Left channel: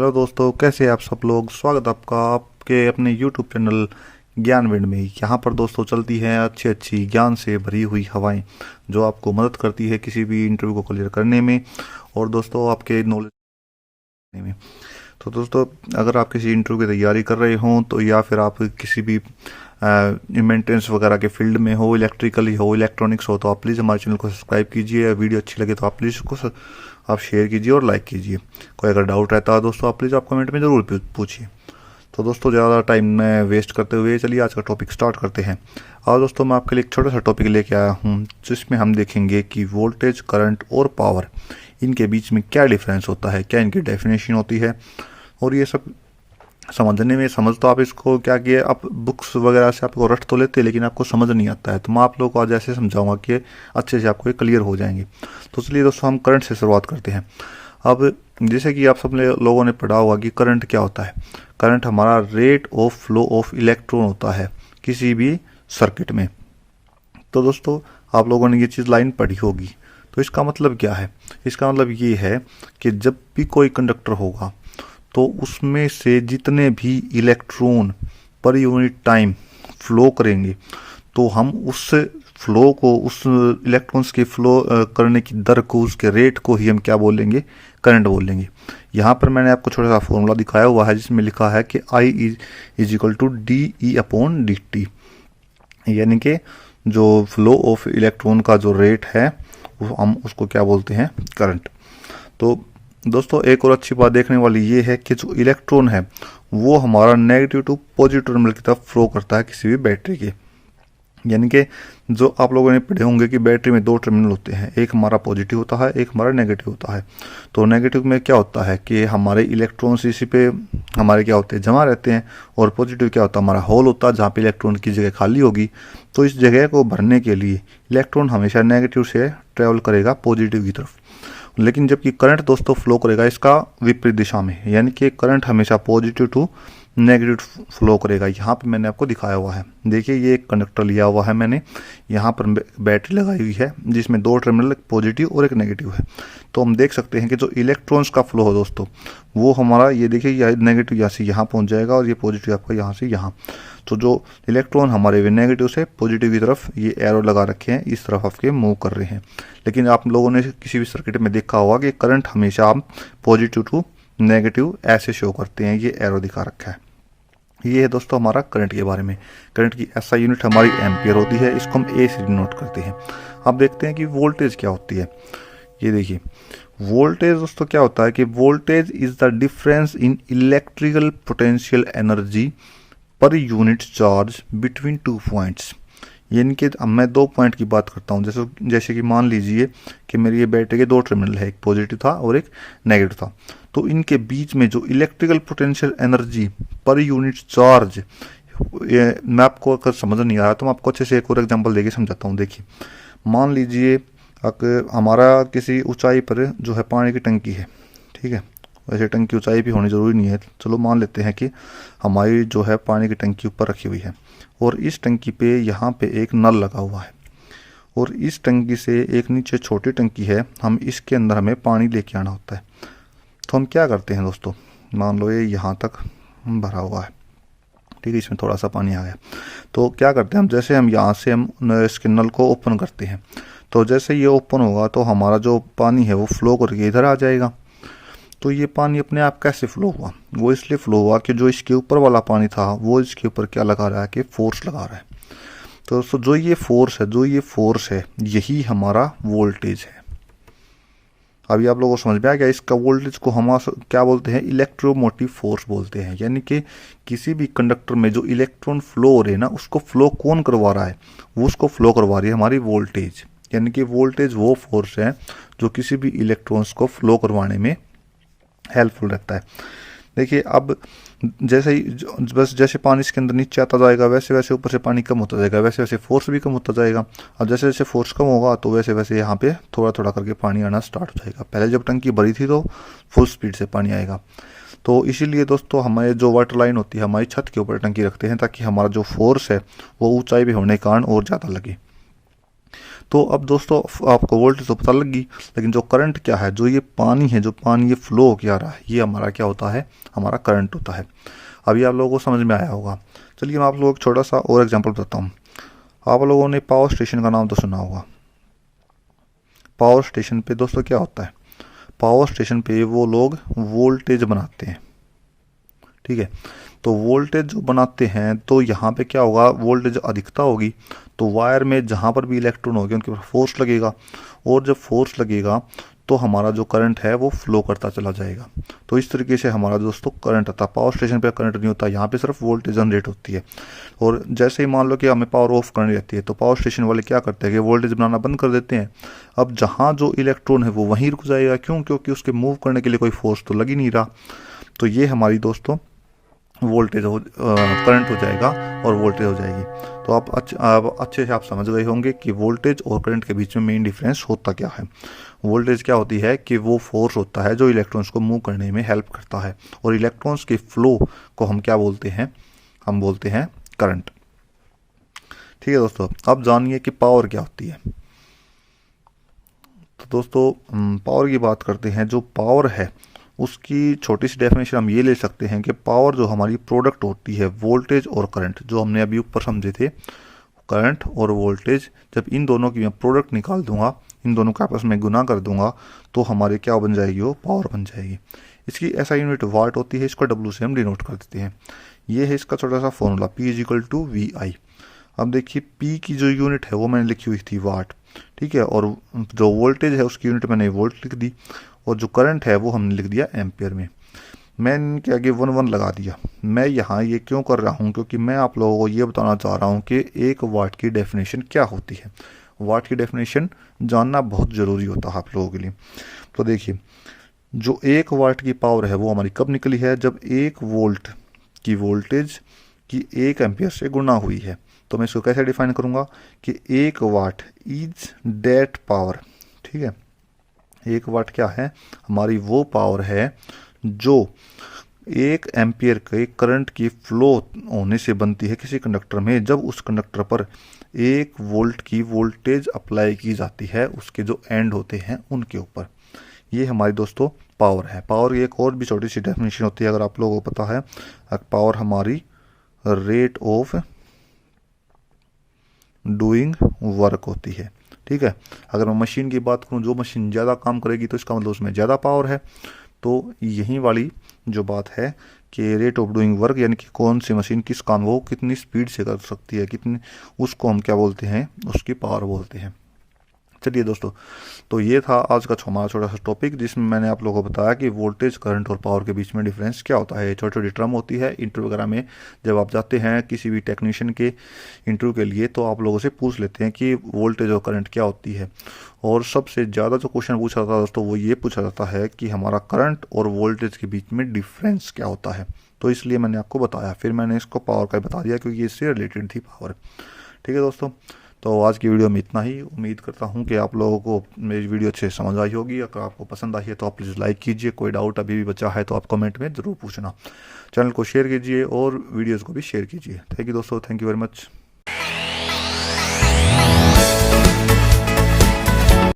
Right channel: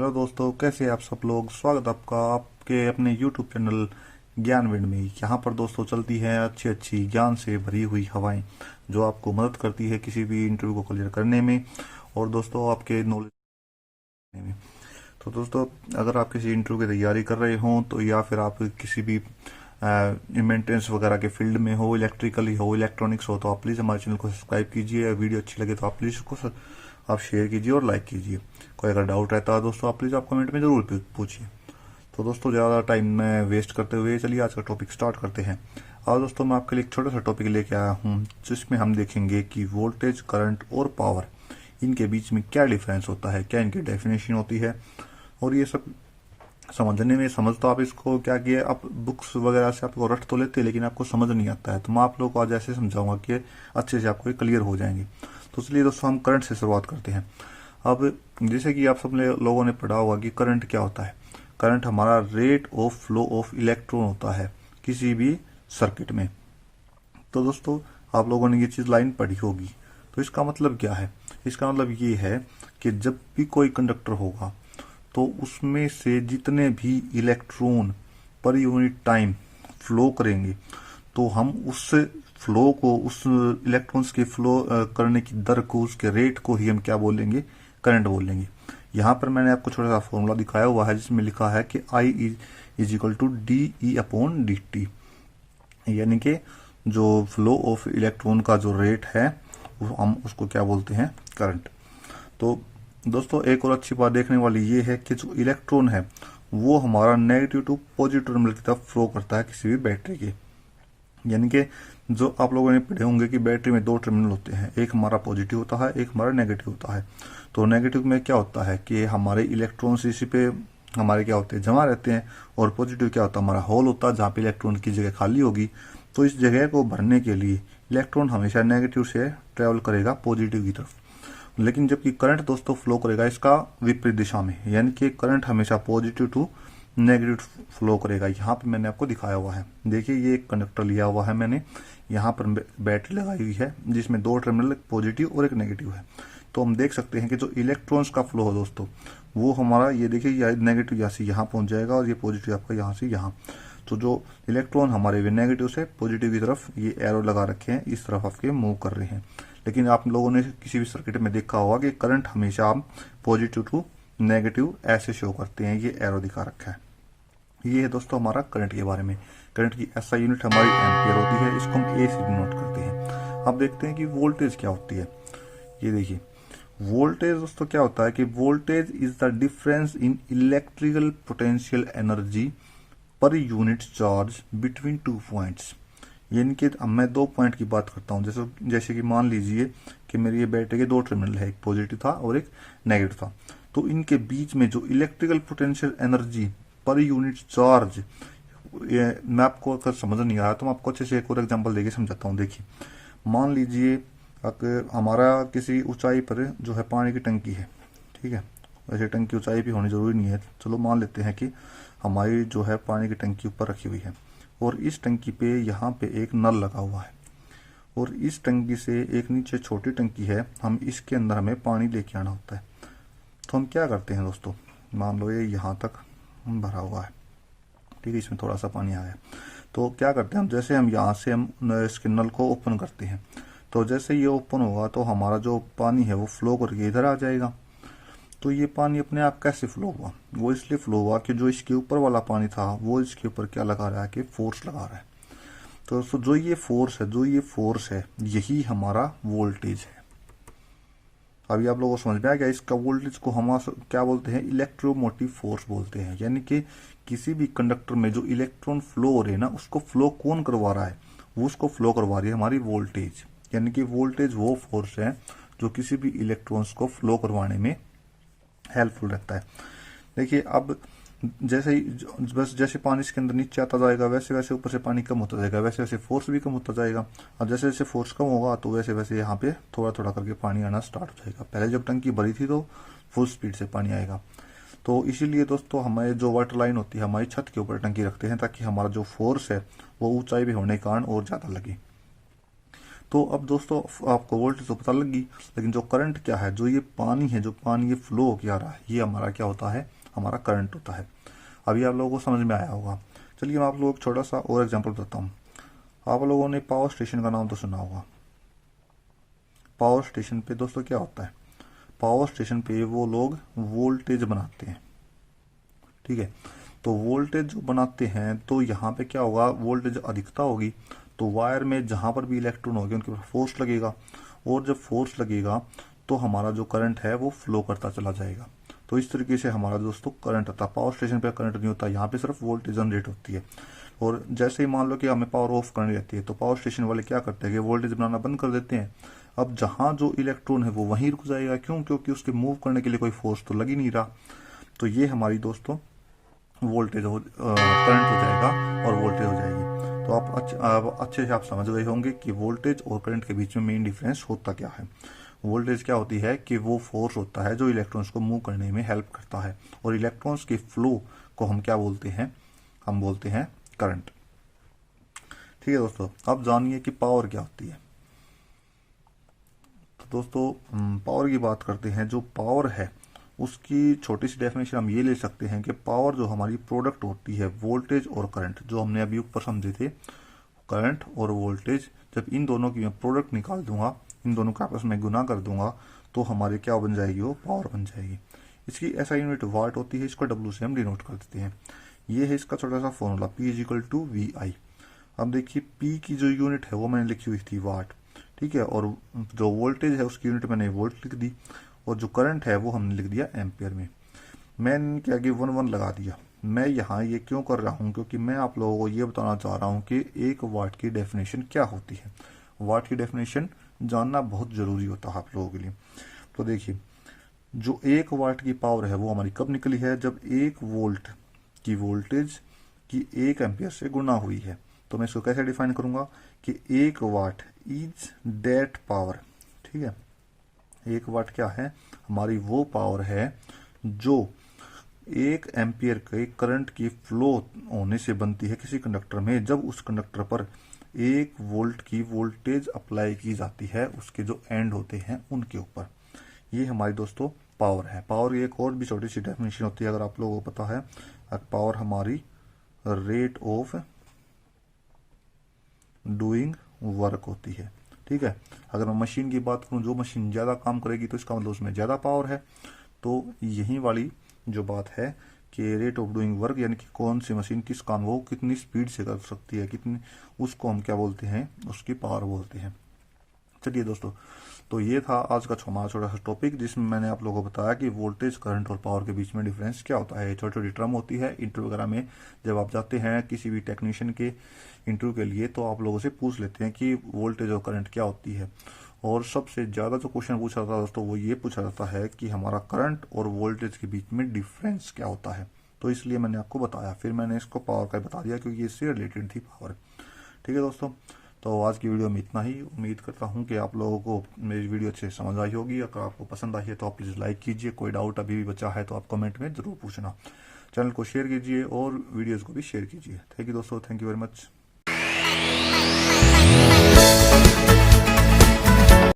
Hello दोस्तों, कैसे आप सब लोग। स्वागत है आपका आपके अपने यूट्यूब चैनल ज्ञानविंड में। यहाँ पर दोस्तों चलती हैं अच्छी अच्छी ज्ञान से भरी हुई हवाएं जो आपको मदद करती है किसी भी इंटरव्यू को क्लियर करने में और दोस्तों आपके नॉलेज में। तो दोस्तों, अगर आप किसी इंटरव्यू की तैयारी कर रहे हों तो या फिर आप किसी भी मेंटेनेंस वगैरह के फील्ड में हो, इलेक्ट्रिकल ही हो, इलेक्ट्रॉनिक्स हो, तो आप प्लीज़ हमारे चैनल को सब्सक्राइब कीजिए। वीडियो अच्छी लगे तो आप प्लीज़ उसको आप शेयर कीजिए और लाइक कीजिए। कोई अगर डाउट रहता है दोस्तों, आप प्लीज़ आप कमेंट में ज़रूर पूछिए। तो दोस्तों, ज़्यादा टाइम में वेस्ट करते हुए चलिए आज का टॉपिक स्टार्ट करते हैं। और दोस्तों, मैं आपके लिए एक छोटा सा टॉपिक लेके आया हूँ जिसमें हम देखेंगे कि वोल्टेज, करंट और पावर, इनके बीच में क्या डिफरेंस होता है, क्या इनकी डेफिनेशन होती है। और ये सब समझने में समझ तो आप इसको क्या किए, आप बुक्स वगैरह से आपको रट तो लेते हैं लेकिन आपको समझ नहीं आता है। तो मैं आप लोगों को आज ऐसे समझाऊंगा कि अच्छे से आपको ये क्लियर हो जाएंगे। तो चलिए दोस्तों, हम करंट से शुरुआत करते हैं। अब जैसे कि आप सब लोगों ने पढ़ा होगा कि करंट क्या होता है। करंट हमारा rate of flow of electron होता है किसी भी सर्किट में। तो दोस्तों, आप लोगों ने ये चीज़ लाइन पढ़ी होगी। तो इसका मतलब क्या है? इसका मतलब ये है कि जब भी कोई कंडक्टर होगा तो उसमें से जितने भी electron per unit time flow करेंगे तो हम उस फ्लो को, उस इलेक्ट्रॉन्स के फ्लो करने की दर को, उसके रेट को ही हम क्या बोलेंगे? करंट बोलेंगे। यहाँ पर मैंने आपको छोटा सा फॉर्मूला दिखाया हुआ है जिसमें लिखा है कि I is equal to D E upon D T, यानी कि जो फ्लो ऑफ इलेक्ट्रॉन का जो रेट है वो हम उसको क्या बोलते हैं? करंट। तो दोस्तों, एक और अच्छी बात देखने वाली ये है कि जो इलेक्ट्रॉन है वो हमारा नेगेटिव टू पॉजिटिव टर्मिनल की तरफ फ्लो करता है किसी भी बैटरी के। यानी कि जो आप लोगों ने पढ़े होंगे कि बैटरी में दो टर्मिनल होते हैं, एक हमारा पॉजिटिव होता है, एक हमारा नेगेटिव होता है। तो नेगेटिव में क्या होता है कि हमारे इलेक्ट्रॉन्स इसी पे हमारे क्या होते हैं? जमा रहते हैं। और पॉजिटिव क्या होता है? हमारा होल होता है जहाँ पे इलेक्ट्रॉन की जगह खाली होगी। तो इस जगह को भरने के लिए इलेक्ट्रॉन हमेशा नेगेटिव से ट्रेवल करेगा पॉजिटिव की तरफ। लेकिन जबकि करंट दोस्तों फ्लो करेगा इसका विपरीत दिशा में, यानी कि करंट हमेशा पॉजिटिव टू नेगेटिव फ्लो करेगा। यहाँ पे मैंने आपको दिखाया हुआ है। देखिए, ये एक कंडक्टर लिया हुआ है मैंने, यहाँ पर बैटरी लगाई हुई है जिसमें दो टर्मिनल, एक पॉजिटिव और एक नेगेटिव है। तो हम देख सकते हैं कि जो इलेक्ट्रॉन्स का फ्लो है दोस्तों, वो हमारा ये देखिए, यह नेगेटिव यहाँ से यहाँ पहुँच जाएगा और ये पॉजिटिव आपका यहाँ से यहाँ। तो जो इलेक्ट्रॉन हमारे वे नेगेटिव से पॉजिटिव की तरफ ये एरो लगा रखे हैं, इस तरफ आपके मूव कर रहे हैं। लेकिन आप लोगों ने किसी भी सर्किट में देखा होगा कि करंट हमेशा हम पॉजिटिव टू नेगेटिव ऐसे शो करते हैं। ये एरो दिखा रखा है। ये है दोस्तों हमारा करंट के बारे में। करंट की एसआई यूनिट हमारी एम्पियर होती है, इसको हम ए से डिनोट करते हैं। अब देखते हैं कि वोल्टेज क्या होती है। ये देखिए, वोल्टेज दोस्तों क्या होता है कि voltage is the difference in electrical potential energy per unit charge between two points. यानी कि अब मैं दो पॉइंट की बात करता हूँ। जैसे कि मान लीजिए कि मेरी ये बैटरी के दो टर्मिनल है, एक पॉजिटिव था और एक नेगेटिव था। तो इनके बीच में जो electrical potential energy per unit charge, ये मैं आपको अगर समझ नहीं आ रहा तो मैं आपको अच्छे से एक और एग्जांपल देके समझाता हूँ। देखिए, मान लीजिए अगर हमारा किसी ऊंचाई पर जो है पानी की टंकी है, ठीक है। वैसे टंकी ऊंचाई भी होनी ज़रूरी नहीं है, चलो मान लेते हैं कि हमारी जो है पानी की टंकी ऊपर रखी हुई है और इस टंकी पे यहाँ पे एक नल लगा हुआ है और इस टंकी से एक नीचे छोटी टंकी है, हम इसके अंदर हमें पानी लेके आना होता है। तो हम क्या करते हैं दोस्तों, मान लो ये यहाँ तक भरा हुआ है, ठीक है, इसमें थोड़ा सा पानी आ गया। तो क्या करते हैं हम, जैसे हम यहाँ से हम इसके नल को ओपन करते हैं, तो जैसे ये ओपन होगा तो हमारा जो पानी है वो फ्लो करके इधर आ जाएगा। तो ये पानी अपने आप कैसे फ्लो हुआ? वो इसलिए फ्लो हुआ कि जो इसके ऊपर वाला पानी था वो इसके ऊपर क्या लगा रहा है कि फोर्स लगा रहा है। तो दोस्तों, जो ये फोर्स है यही हमारा वोल्टेज है। अभी आप लोगों को समझ में आ गया? इसका वोल्टेज को हम क्या बोलते हैं? इलेक्ट्रोमोटिव फोर्स बोलते हैं। यानी कि किसी भी कंडक्टर में जो इलेक्ट्रॉन फ्लो हो रहे हैं ना, उसको फ्लो कौन करवा रहा है? वो उसको फ्लो करवा रही है हमारी वोल्टेज। यानी कि वोल्टेज वो फोर्स है जो किसी भी इलेक्ट्रॉन्स को फ्लो करवाने में हेल्पफुल रहता है। देखिए, अब जैसे ही बस जैसे पानी इसके अंदर नीचे आता जाएगा वैसे वैसे ऊपर से पानी कम होता जाएगा, वैसे वैसे फोर्स भी कम होता जाएगा। और जैसे जैसे फोर्स कम होगा तो वैसे वैसे यहाँ पे थोड़ा थोड़ा करके पानी आना स्टार्ट हो जाएगा। पहले जब टंकी भरी थी तो फुल स्पीड से पानी आएगा। तो इसीलिए दोस्तों, हमारे जो वाटर लाइन होती है हमारी छत के ऊपर टंकी रखते हैं ताकि हमारा जो फोर्स है वो ऊंचाई पे होने के कारण और ज़्यादा लगे। तो अब दोस्तों आपको वोल्टेज तो पता लगी, लेकिन जो करंट क्या है, जो ये पानी है, जो पानी ये फ्लो होकर आ रहा है, ये हमारा क्या होता है, हमारा करंट होता है। अभी आप लोगों को समझ में आया होगा। चलिए मैं आप लोगों को छोटा सा और एग्जांपल बताता हूँ। आप लोगों ने पावर स्टेशन का नाम तो सुना होगा। पावर स्टेशन पे दोस्तों क्या होता है, पावर स्टेशन पे वो लोग वोल्टेज बनाते हैं, ठीक है। तो वोल्टेज जो बनाते हैं, तो यहाँ पे क्या होगा, वोल्टेज अधिकता होगी तो वायर में जहाँ पर भी इलेक्ट्रॉन होंगे उनके ऊपर फोर्स लगेगा, और जब फोर्स लगेगा तो हमारा जो करंट है वो फ्लो करता चला जाएगा। तो इस तरीके से हमारा दोस्तों करंट आता है। पावर स्टेशन पे करंट नहीं होता, यहाँ पे सिर्फ वोल्टेज जनरेट होती है। और जैसे ही मान लो कि हमें पावर ऑफ करनी रहती है, तो पावर स्टेशन वाले क्या करते हैं कि वोल्टेज बनाना बंद कर देते हैं। अब जहाँ जो इलेक्ट्रॉन है वो वहीं रुक जाएगा, क्यों, क्योंकि उसके मूव करने के लिए कोई फोर्स तो लग ही नहीं रहा। तो ये हमारी दोस्तों वोल्टेज करंट हो जाएगा और वोल्टेज हो जाएगी। तो आप अच्छे से आप समझ गए होंगे कि वोल्टेज और करंट के बीच में मेन डिफरेंस होता क्या है। वोल्टेज क्या होती है कि वो फोर्स होता है जो इलेक्ट्रॉन्स को मूव करने में हेल्प करता है, और इलेक्ट्रॉन्स के फ्लो को हम क्या बोलते हैं, हम बोलते हैं करंट। ठीक है दोस्तों, अब जानिए कि पावर क्या होती है। तो दोस्तों पावर की बात करते हैं। जो पावर है उसकी छोटी सी डेफिनेशन हम ये ले सकते हैं कि पावर जो हमारी प्रोडक्ट होती है वोल्टेज और करंट, जो हमने अभी ऊपर समझे थे, करंट और वोल्टेज, जब इन दोनों की मैं प्रोडक्ट निकाल दूंगा, इन दोनों का आपस में गुना कर दूंगा, तो हमारे क्या बन जाएगी, वो पावर बन जाएगी। इसकी ऐसा यूनिट वाट होती है, इसको डब्ल्यू से हम डिनोट कर देते हैं। ये है इसका छोटा सा formula, P is equal to VI। अब देखिए P की जो यूनिट है वो मैंने लिखी हुई थी वाट, ठीक है, और जो वोल्टेज है उसकी यूनिट मैंने वोल्ट लिख दी, और जो करंट है वो हमने लिख दिया एम्पियर में। मैंने इनके आगे 1 लगा दिया। मैं यहाँ ये क्यों कर रहा हूँ, क्योंकि मैं आप लोगों को ये बताना चाह रहा हूँ कि 1 वाट की डेफिनेशन क्या होती है। वाट की डेफिनेशन जानना बहुत ज़रूरी होता है आप लोगों के लिए। तो देखिए, जो 1 वाट की पावर है वो हमारी कब निकली है, जब 1 वोल्ट की वोल्टेज की 1 एम्पियर से गुणा हुई है। तो मैं इसको कैसे डिफाइन करूँगा कि 1 वाट इज दैट पावर, ठीक है। 1 वाट क्या है, हमारी वो पावर है जो 1 एम्पियर के करंट की फ्लो होने से बनती है किसी कंडक्टर में, जब उस कंडक्टर पर 1 वोल्ट की वोल्टेज अप्लाई की जाती है उसके जो एंड होते हैं उनके ऊपर। ये हमारी दोस्तों पावर है। पावर की एक और भी छोटी सी डेफिनेशन होती है, अगर आप लोगों को पता है। पावर हमारी रेट ऑफ डूइंग वर्क होती है, ठीक है। अगर मैं मशीन की बात करूं, जो मशीन ज़्यादा काम करेगी तो इसका मतलब उसमें ज़्यादा पावर है। तो यही वाली जो बात है कि रेट ऑफ डूइंग वर्क, यानी कि कौन सी मशीन किस काम वो कितनी स्पीड से कर सकती है, कितनी, उसको हम क्या बोलते हैं, उसकी पावर बोलते हैं। चलिए दोस्तों, तो ये था आज का हमारा छोटा सा टॉपिक, जिसमें मैंने आप लोगों को बताया कि वोल्टेज, करंट और पावर के बीच में डिफरेंस क्या होता है। छोटी छोटी टर्म होती है। इंटरव्यू वगैरह में जब आप जाते हैं किसी भी टेक्नीशियन के इंटरव्यू के लिए, तो आप लोगों से पूछ लेते हैं कि वोल्टेज और करंट क्या होती है। और सबसे ज़्यादा जो क्वेश्चन पूछा जाता है दोस्तों, वो ये पूछा जाता है कि हमारा करंट और वोल्टेज के बीच में डिफरेंस क्या होता है। तो इसलिए मैंने आपको बताया, फिर मैंने इसको पावर का बता दिया क्योंकि इससे रिलेटेड थी पावर। ठीक है दोस्तों, तो आज की वीडियो में इतना ही। उम्मीद करता हूँ कि आप लोगों को मेरी वीडियो अच्छे से समझ आई होगी। अगर आपको पसंद आई है तो आप प्लीज़ लाइक कीजिए। कोई डाउट अभी भी बचा है तो आप कमेंट में ज़रूर पूछना। चैनल को शेयर कीजिए और वीडियोज़ को भी शेयर कीजिए। थैंक यू दोस्तों, थैंक यू वेरी मच।